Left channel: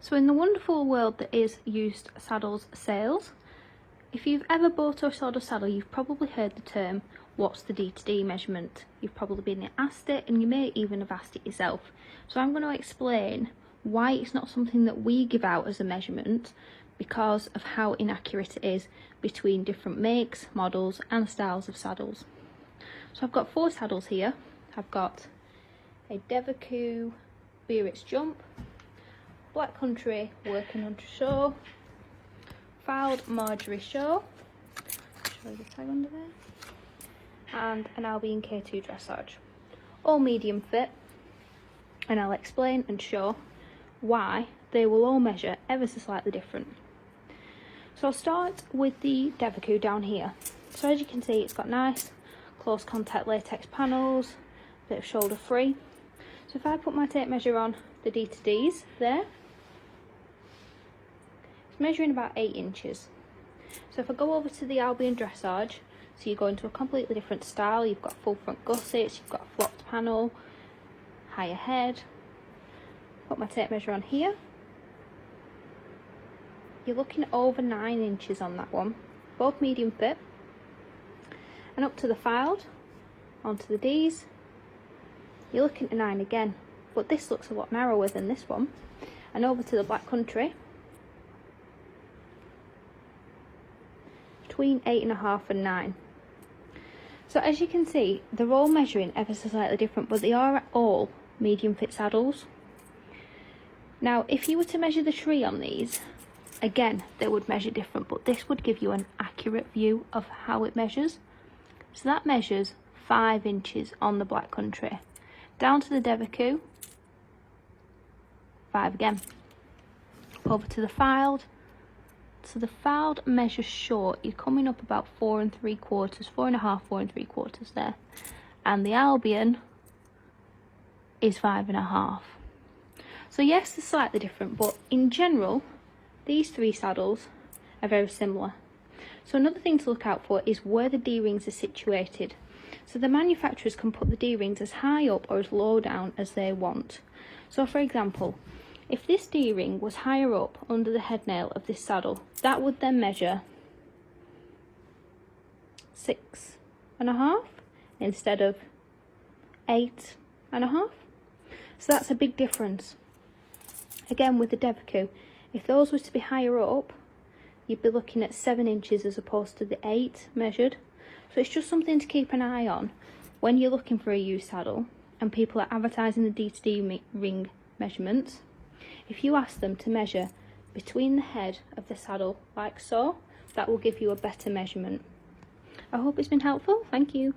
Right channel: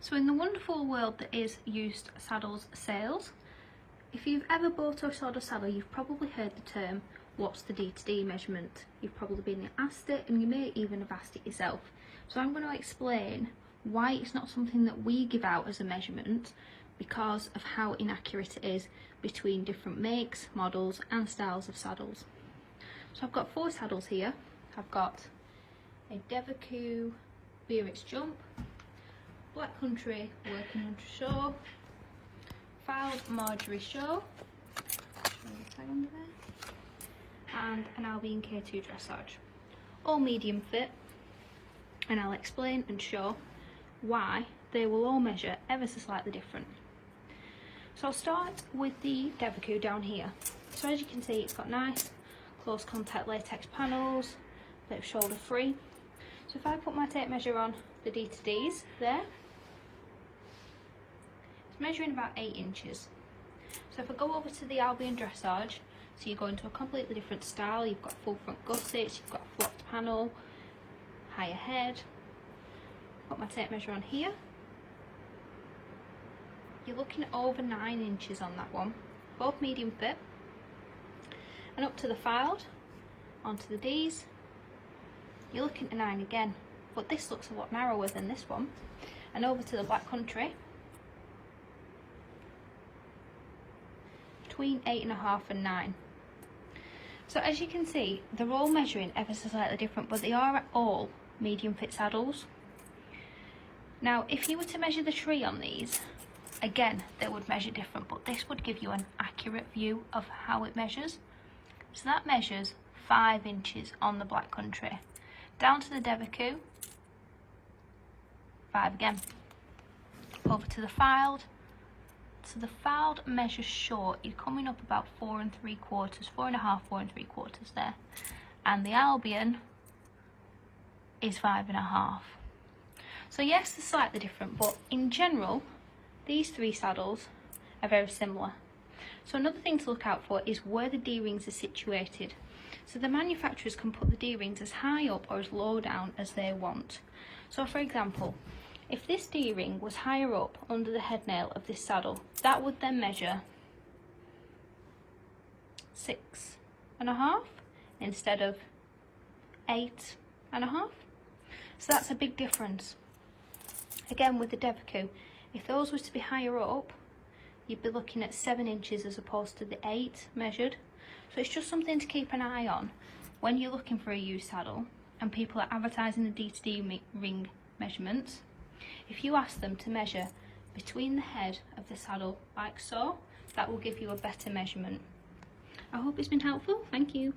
So in the wonderful world that is used saddles sales, if you've ever bought or sold a saddle, you've probably heard the term, what's the D-to-D measurement? You've probably been asked it, and you may even have asked it yourself. So I'm going to explain why it's not something that we give out as a measurement, because of how inaccurate it is between different makes, models and styles of saddles. So I've got 4 saddles here. I've got a Devereux Biarritz Jump, Black Country Working Under Show, Filed Marjorie Show, show the tag under there, and an Albion K2 Dressage. All medium fit, and I'll explain and show why they will all measure ever so slightly different. So I'll start with the Devereux down here. So as you can see, it's got nice close contact latex panels, a bit of shoulder free. So if I put my tape measure on the D-to-Ds there, it's measuring about 8 inches. So if I go over to the Albion Dressage, so you go into a completely different style, you've got full front gussets, you've got a flopped panel, higher head. Put my tape measure on here. You're looking at over 9 inches on that one, both medium fit. And up to the Filed, onto the Ds, you're looking at 9 again, but this looks a lot narrower than this one. And over to the Black Country, between 8.5 and 9. So as you can see, they're all measuring ever so slightly different, but they are all medium fit saddles. Now if you were to measure the tree on these, again they would measure different, but this would give you an accurate view of how it measures. So that measures 5 inches on the Black Country, down to the Devereux, 5 again, over to the Filed. So the Filed measures short, you're coming up about 4 3/4, 4.5, 4 3/4 there, and the Albion is 5.5. So yes, they're slightly different, but in general these 3 saddles are very similar. So another thing to look out for is where the D-rings are situated. So the manufacturers can put the D-rings as high up or as low down as they want. So for example, if this D-ring was higher up under the head nail of this saddle, that would then measure 6.5 instead of 8.5. So that's a big difference. Again with the Devereux, if those was to be higher up, you'd be looking at 7 inches as opposed to the 8 measured. So it's just something to keep an eye on when you're looking for a used saddle and people are advertising the D-to-D ring measurements. If you ask them to measure between the head of the saddle like so, that will give you a better measurement. I hope it's been helpful. Thank you.